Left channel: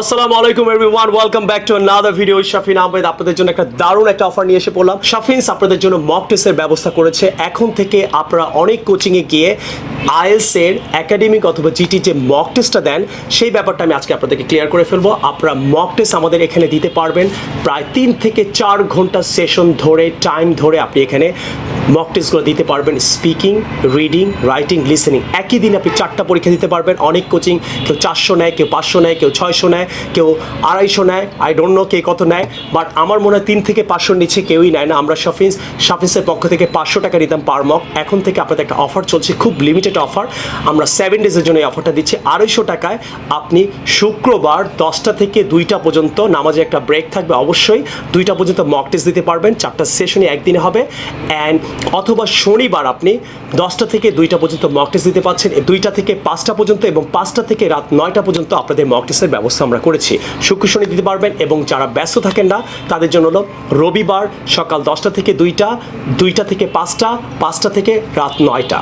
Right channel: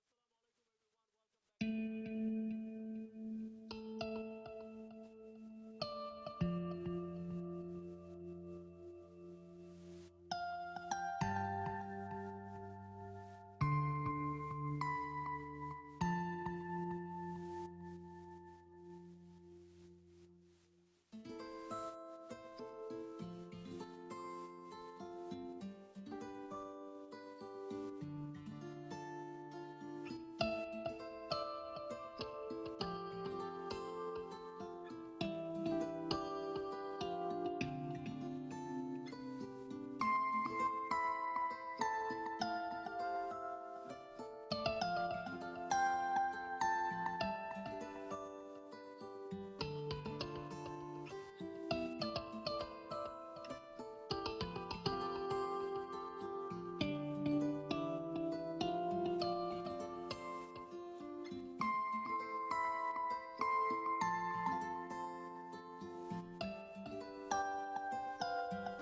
আসসালামু আলাইকুম everyone, welcome back to another video. Shafin Ahmed আপনাদের জন্য একটা দারুণ একটা অফার নিয়ে এসে পড়লাম। শাফিনস আপনাদের জন্য মক টেস্টের ব্যবস্থা করেছে। এখন থেকে আপনারা অনেক কোচিংয়ে গিয়ে আইএলস এর একাডেমিক অথবা জিটি যে মক টেস্টটা দেন সেই ব্যাপারটা আমি আজকে আপনাদেরকে ক্লিয়ার করে ফেলবো। আপনারা মক টেস্ট আমাদের এখানে দিতে পারবেন প্রায় 3 থেকে 4 ঘন্টা সেশন ধরে টাইম ধরে আপনি এখানে মক টেস্টগুলো দিতে পারবেন। স্পিকিং, রিডিং, রাইটিং, লিসেনিং একই দিনে আপনি 4টা পরীক্ষা দিতে পারবেন। অনেক কোচিং কেউ 400 নেয়, কেউ 500 নেয়, কেউ 600 নেয়, কেউ 250 নেয়, আই ডোন্ট নো কে কত নেয়, বাট আমার মনে হয় 3 থেকে 500 নিচে কেউই নেয় না। আমরা শাফিন্সের পক্ষ থেকে 500 টাকা নিতাম পার মক। এখন থেকে আপনাদের একটা অফার চলছে, খুব লিমিটেড অফার। আমরা 7 ডেজের জন্য এই অফারটা দিচ্ছি 250 টাকায়। আপনি শুক্রবার 10টা থেকে 2টা পর্যন্ত, নামাজে একটা ব্রেক থাকবে অবশ্যই, 2টা পর্যন্ত মক টেস্ট দিতে পারবেন। 4টা সেশনই একদিনে হবে। অ্যান্ড অথবা শনিবার আপনি 10টা থেকে 2টা পর্যন্ত মক টেস্ট দিতে পারছেন, 2টা থেকে 5টা পর্যন্ত, এবং 5টা থেকে রাত 9টা পর্যন্ত আপনাদের মক টেস্টের ব্যবস্থা আমরা করেছি। শুক্র শনি দিতে পারবেন। এবং যারা ব্যস্ত থাকেন না তাদের জন্য হলো রবিবার সকাল 10টা থেকে 2টা, 2টা থেকে 5টা, 5টা থেকে রাত 9টা,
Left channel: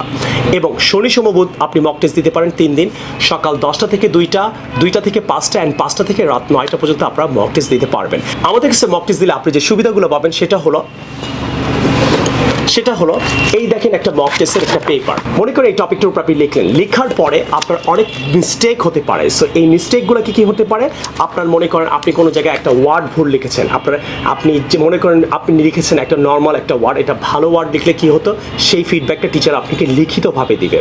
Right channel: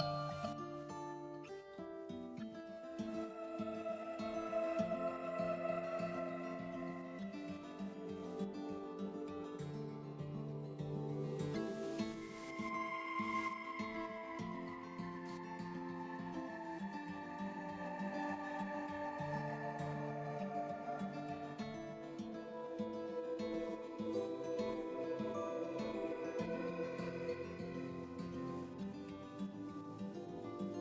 এবং শনি সোম বুধ আপনি মক টেস্ট দিতে পারেন 3 দিন, সকাল 10টা থেকে 2টা, 2টা থেকে 5টা, অ্যান্ড 5টা থেকে রাত 9টা পর্যন্ত আপনারা মক টেস্ট দিতে পারবেন। আমাদের কাছে মক টেস্ট দিলে আপনি যে সুবিধাগুলো পাবেন সেটা হলো এই দেখেন একটা মক টেস্টের একটা পেপার। মনে করেন এই টপিকটার উপর আপনি লিখলেন, লেখার পরে আপনার অনেক মিস্টেক হতে পারে। সো এই মিস্টেকগুলো কি হতে পারে? আপনার মনে করেন আপনি কোনো জায়গায় একটা ওয়ার্ড ভুল লিখেছেন, আপনি যে মনে করেন আপনি লিখেছেন একটা নর্মাল একটা ওয়ার্ড, এটা ভালো ওয়ার্ড লিখলে কি হতো, সেই ফিডব্যাকটা টিচার আপনাকে লিখিতভাবে দিবে।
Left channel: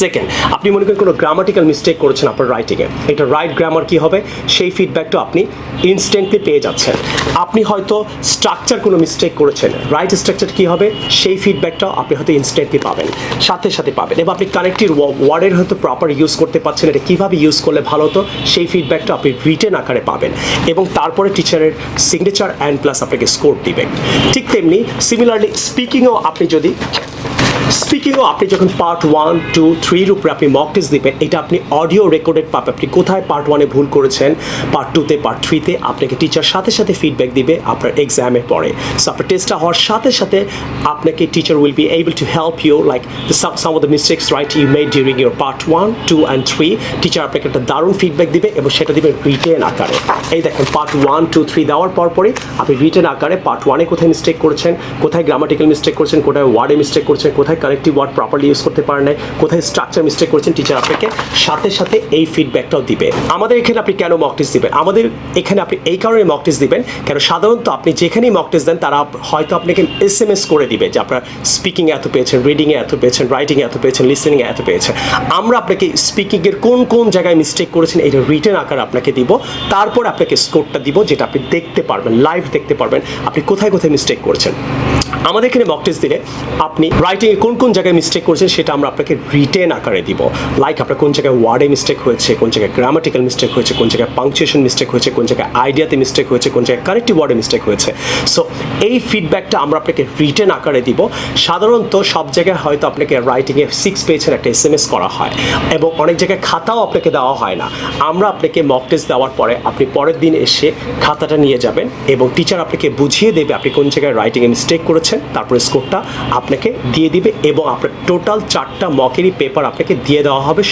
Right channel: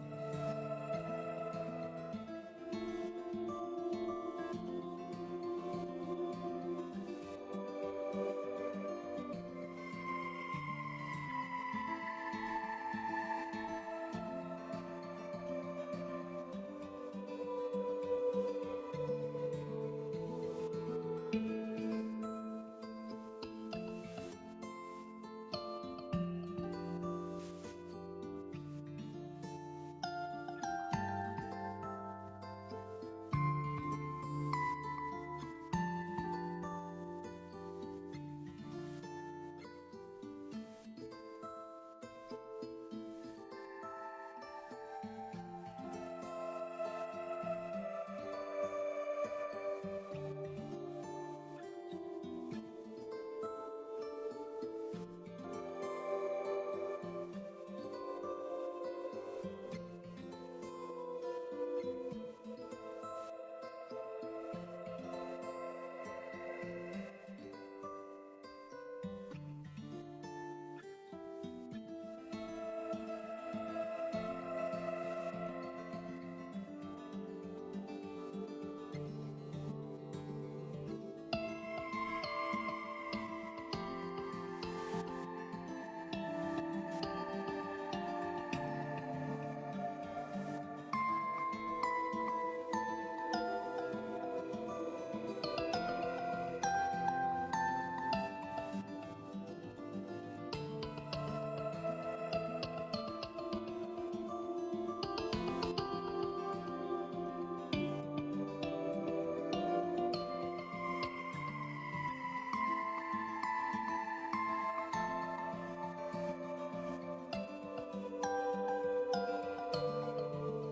সেকেন্ড, আপনি মনে করেন কোনো গ্রামাটিক্যাল মিস্টেক করেছেন আপনার রাইটিংয়ে, এটা রাইট গ্রামার কি হবে সেই ফিডব্যাকটা আপনি ইনস্ট্যান্টলি পেয়ে যাচ্ছেন। আপনি হয়তো স্ট্রাকচার কোনো মিস্টেক করেছেন, রাইট স্ট্রাকচার কি হবে সেই ফিডব্যাকটাও আপনি হয়তো ইনস্ট্যান্টলি পাবেন, সাথে সাথে পাবেন। এবং আপনি কানেক্টিভ ওয়ার্ডের হয়তো প্রপার ইউজ করতে পারছেন, এটা কীভাবে ইউজ করলে ভালো হতো সেই ফিডব্যাকটা আপনি রিটেন আকারে পাবেন। এবং তারপরে টিচারের সিগনেচার অ্যান্ড প্লাস আপনাকে স্কোর দিবেন। ঠিক তেমনি সিমিলারলি স্পিকিংও আপনি যখন পার্ট 1, 2, 3 এর উপরে আপনি মক টেস্ট দিবেন, এটা আপনি অডিও রেকর্ডেড পাবেন। আপনি কোথায় পার্ট 1-এ ভুল করেছেন, পার্ট 2-তে, পার্ট 3-তে আপনাকে টিচার সাথে সাথে ফিডব্যাক দিবে আপনার এক্সামের পরে। সো আপনার টেস্টটা হওয়ার সাথে সাথে আপনাকে teacher will be able to help you like some of the mistakes right you made during your part 1, 2 and 3। Teacher আপনাকে একটা দারুণ ফিডব্যাক দিবে এবং সেটা দিবে রিটেন আকারে। এই দেখেন পার্ট 1, 2, 3 দেওয়ার পরপরই আপনি রিটেন আকারে পার্ট 1-এ কোথায় মিস্টেক করেছেন, কোথায় গ্রামাটিক্যাল মিস্টেক করেছেন, কোথায় ওয়ার্ডে মিস্টেক করেছেন, কোথায় কানেক্টিভ ওয়ার্ড প্রপারলি ইউজ করতে পারেন নাই, কোথায় স্ট্রাকচার মিস্টেক করেছেন, টিচার আপনাকে সাথে সাথে এই ফিডব্যাকটাও দিবে। আমাদের এখানে আপনি কেন মক টেস্ট দিবেন? আমাদের এখানে আপনি এই কারণে মক টেস্ট দিবেন, কেন সাধারণত আপনি যেখানেই মক টেস্ট দেন তারা হয়তো আপনাকে SMS করে দিবে যে আপনার স্পিকিংয়ে এত পেয়েছেন, রিডিংয়ে এত পেয়েছেন, রাইটিংয়ে এত পেয়েছেন, লিসেনিংয়ে এত পেয়েছেন। আমরা আপনাকে স্পিকিংয়ের কোন জায়গায় মিস্টেক করেছেন এটা রিটেন আকারে আপনাকে দিব, তারপর আপনাকে স্কোরটা দিব যেটা আপনি দেখতে পারবেন, লাইভ দেখতে পারবেন আপনি কোথায় কোথায় মিস্টেক করেছেন। আমাদের এখানে মক টেস্ট দিলে আপনি রাইটিংয়ে কোন জায়গায় মিস্টেক করেছেন সেটা আমরা আপনাকে রিটেন আকারে দিব। লাইক আপনার কোন জায়গায় ওয়ার্ডে মিস্টেক হয়েছে, কোন জায়গায় গ্রামাটিক্যাল মিস্টেক হয়েছে, কোন জায়গায় পাংচুয়েশন মিস্টেক হয়েছে, কোন জায়গায় আইডিয়াতে মিস্টেক হয়েছে, কোন জায়গায় কানেক্টিভ ওয়ার্ডে মিস্টেক হয়েছে। সো এই ফিডব্যাকটা আমরা আপনাকে রিটেন আকারে দিব। সাধারণত সব জায়গায় হয়তো আপনাকে রাইটিংয়ে 6 পেজের একটা SMS করা হয়, এবং অনেক জায়গায় খাতাও আপনাকে দেওয়া হয় না। আমরা আপনাকে মক টেস্ট দেওয়ার পরে আপনি পরের দিন এসে খাতাটা নিয়ে যাবেন এবং টিচার আপনাকে বুঝিয়ে দেবে আপনি কোন জায়গায় রাইটিংয়ে মিস্টেক করেছেন, তারপরে স্কোরটা আপনাকে দিয়ে দিবে, এবং আপনার টোটাল 4টা মকেরই পেপার আপনাকে দিয়ে দেওয়া হবে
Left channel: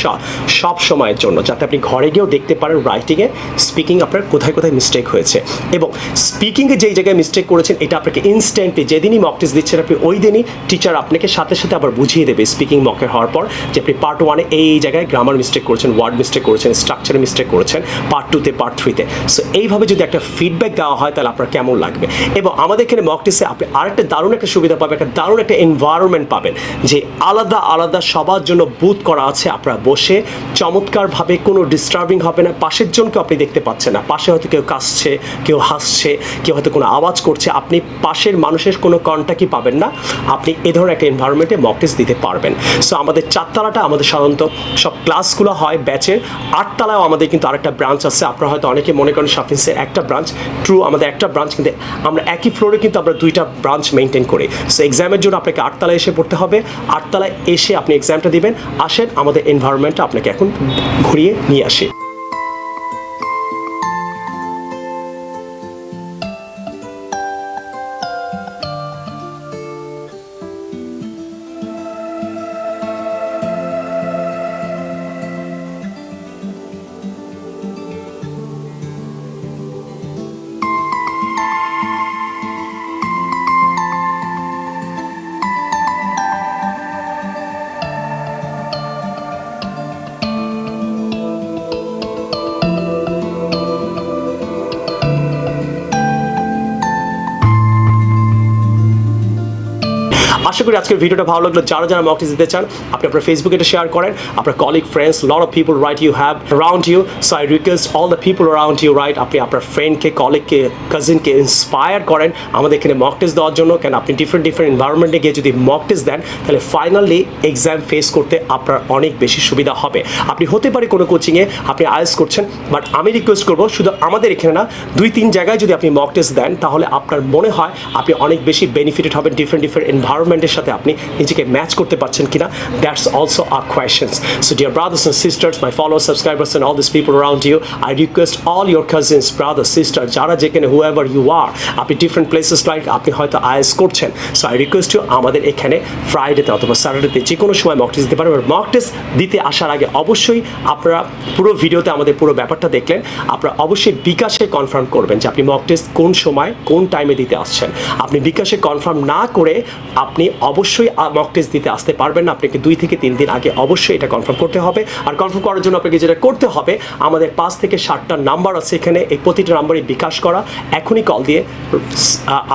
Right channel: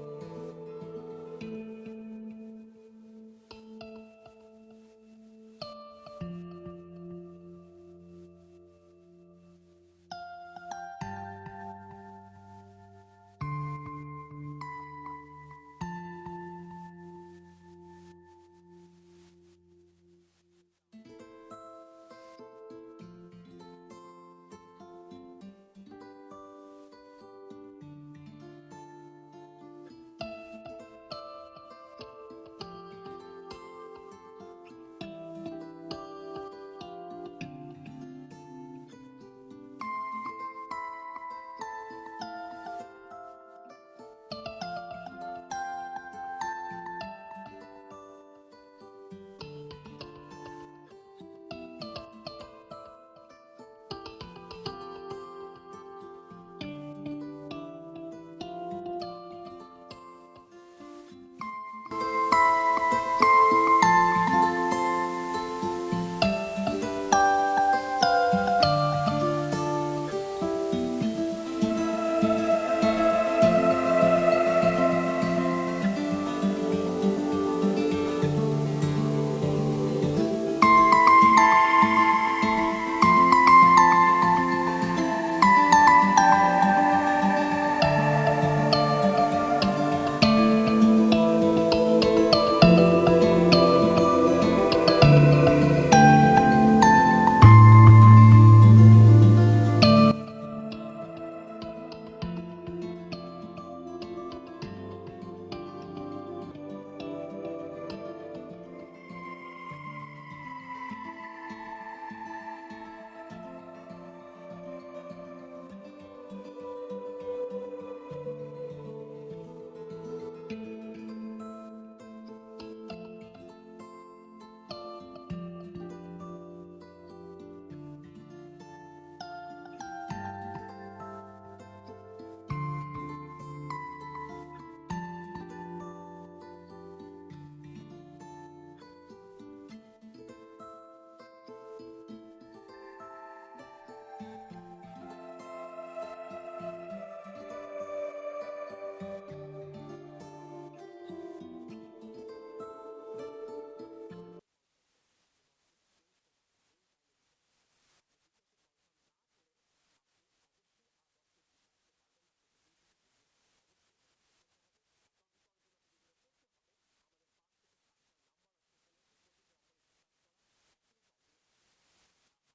সব সময়ের জন্য, যাতে আপনি ঘরে গিয়েও দেখতে পারেন রাইটিংয়ে, স্পিকিং আপনার কোথায় কোথায় মিস্টেক হয়েছে। এবং স্পিকিংয়ে যেই জায়গায় মিস্টেক করেছেন এটা আপনাকে ইনস্ট্যান্টলি যেদিনই মক টেস্ট দিচ্ছেন আপনি ওই দিনই টিচার আপনাকে সাথে সাথে আবার বুঝিয়ে দেবে স্পিকিং মকের হওয়ার পর যে আপনি পার্ট 1-এ এই জায়গায় গ্রামার মিস্টেক করেছেন, ওয়ার্ড মিস্টেক করেছেন, স্ট্রাকচারে মিস্টেক করেছেন, পার্ট 2-তে, পার্ট 3-তে। সো এইভাবে যদি একটা ফিডব্যাক দেওয়া হয় তাহলে আপনার কেমন লাগবে। এবং আমাদের এখানে মক টেস্টে আপনি আরেকটা দারুণ একটা সুবিধা পাবেন, একটা দারুণ একটা এনভায়রনমেন্ট পাবেন, যে আলাদা আলাদা সবার জন্য বুথ করা আছে। আপনারা বসে চমৎকারভাবে, কোনো ডিস্টার্বিং হবে না, পাশের জনকে আপনি দেখতে পাচ্ছেন না, পাশে হয়তো কেউ কাশছে, কেউ হাসছে, কেউ হয়তো কোনো আওয়াজ করছে, আপনি পাশের মানুষের কোনো কন্ট্যাক্টই পাবেন না। আপনি এ ধরনের একটা এনভায়রনমেন্টে মক টেস্ট দিতে পারবেন। সো আমাদের 4তলাটা আমাদের সাধারণত সব ক্লাসগুলো হয় ব্যাচের, 8তলায়ও আমাদের কিন্তু আরেকটা ব্রাঞ্চ আছে। আপনারা হয়তো অনেকে মনে করেন শাফিন্সের একটা ব্রাঞ্চ, ট্রু আমাদের একটা ব্রাঞ্চ, কিন্তু আমরা একই ফ্লোরে কিন্তু আমরা 2টা ব্রাঞ্চ মেনটেন করি। সো এক্সামের জন্য আপনাকে 8তলায় এসে পড়তে হবে, 8তলায় এসে আপনি এক্সামটা দিবেন। আসেন আমাদের এনভায়রনমেন্টটা আপনাকে এখন ঘুরিয়ে নিয়ে আসি। করি আজকের ভিডিওটা ভালো লাগলো। যারা মক টেস্ট দিতে চান আপনি আপনার ফেসবুকে এটা শেয়ার করেন, আপনার colleague friends, lot of people right you have around you, so I request all the people around you right, আপনি আপনার ফ্রেন্ডকে, কলিগকে, কাজিনকে ইন্সপায়ার করেন আমাদের এখানে মক টেস্ট দেওয়ার জন্য। কেন আপনি ডিফারেন্ট এনভায়রনমেন্টে গিয়ে যদি মক টেস্ট দেন তাহলে ফাইনালি এক্সাম ফেস করতে আপনার অনেক বেশি সুবিধা হবে। আপনি হতে পারে কোনো কোচিংয়ে আপনি আইএলটিএস করছেন, বাট আমি রিকোয়েস্ট করবো শুধু আমাদের এখানে না, 2-3 জায়গায় যদি আপনি মক টেস্ট দেন তাহলে আপনার মনে হয় আপনি অনেক বেশি বেনিফিটেড হবেন। ডিফারেন্ট এনভায়রনমেন্টের সাথে আপনি নিজেকে ম্যাচ করতে পারছেন কিনা, that's also a questions. So dear brothers and sisters, my followers, subscribers and all this people around you, I request all your cousins, brother, sister, যারা যেখানে হুএভার ইউ আর, আপনি ডিফারেন্ট প্লেসেস লাইক আপনি হয়তো IELTS করছেন, so I request you আমাদের এখানে ফ্রাইডেতে অথবা স্যাটারডেতে যে কোনো সময় মক টেস্ট দিতে পারেন। মক টেস্ট দিতে আসার আগে অবশ্যই আপনারা পুরো ভিডিওতে আমাদের পুরো ব্যাপারটা দেখলেন, আপনারা অবশ্যই বিকাশে কনফার্ম করবেন যে আপনি মক টেস্ট কোন সময় কোন টাইমে দিতে আসছেন। আপনি বিকাশে কনফার্ম না করে আপনি অবশ্যই মক টেস্ট দিতে আসতে পারবেন না। আপনাকে 2 থেকে 3 দিন আগে অবশ্যই এটা কনফার্ম করতে হবে। আর কনফার্ম করার জন্য আপনাকে যেটা করতে হবে, আমাদের 5 থেকে 7টা নাম্বার আছে এখানে, এই প্রতিটা নাম্বারে বিকাশ করা, এখনই কল দিয়ে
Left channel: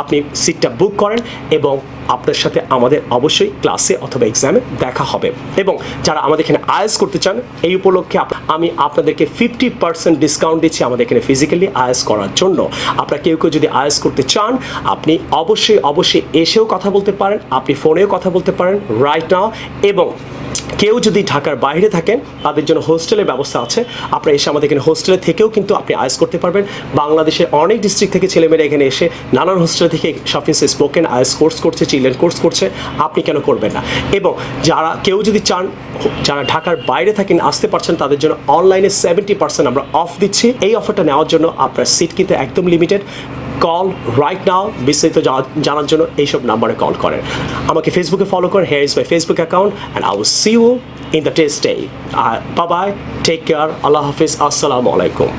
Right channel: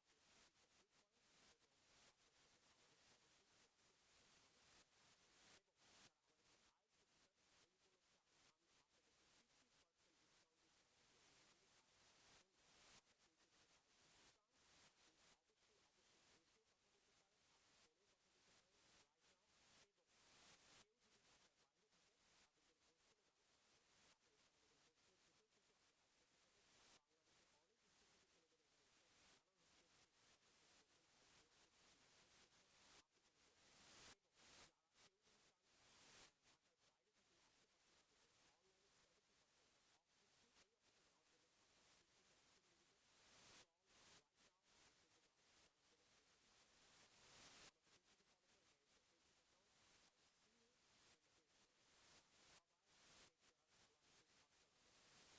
আপনি সিটটা বুক করেন এবং আপনার সাথে আমাদের অবশ্যই ক্লাসে অথবা এক্সামে দেখা হবে। এবং যারা আমাদের এখানে আইএলটিএস করতে চান এই উপলক্ষে আমি আপনাদেরকে 50% ডিসকাউন্ট দিচ্ছি আমাদের এখানে ফিজিক্যালি আইএলটিএস করার জন্য। আপনারা কেউ যদি আইএলটিএস করতে চান আপনি অবশ্যই এসেও কথা বলতে পারেন, আপনি ফোনেও কথা বলতে পারেন রাইট নাও। এবং কেউ যদি ঢাকার বাইরে থাকেন তাদের জন্য হোস্টেলের ব্যবস্থা আছে, আপনারা এসে আমাদের এখানে হোস্টেলে থেকেও কিন্তু আপনি আইএলটিএস করতে পারবেন। বাংলাদেশের অনেক ডিস্ট্রিক্ট থেকে ছেলেমেয়েরা এখানে এসে নানান হোস্টেল থেকে সাফিসিয়েন্ট স্পোকেন আইএলটিএস কোর্স করছে, চিলড্রেন কোর্স করছে, আপনি কেন করবেন না। এবং কেউ যদি চান যারা ঢাকার বাইরে থাকেন আসতে পারছেন তাদের জন্য অনলাইনে 70% আমরা অফ দিচ্ছি। এই অফারটা নেওয়ার জন্য আপনার সিট কিন্তু একদম লিমিটেড। কল রাইট নাও, বিস্তারিত জানার জন্য এইসব নাম্বারে কল করেন। আমাকে ফেসবুকে ফলো করেন, here is my Facebook account and I will see you in the test day. Bye bye, take care, আল্লাহ হাফিজ, আসসালামু আলাইকুম।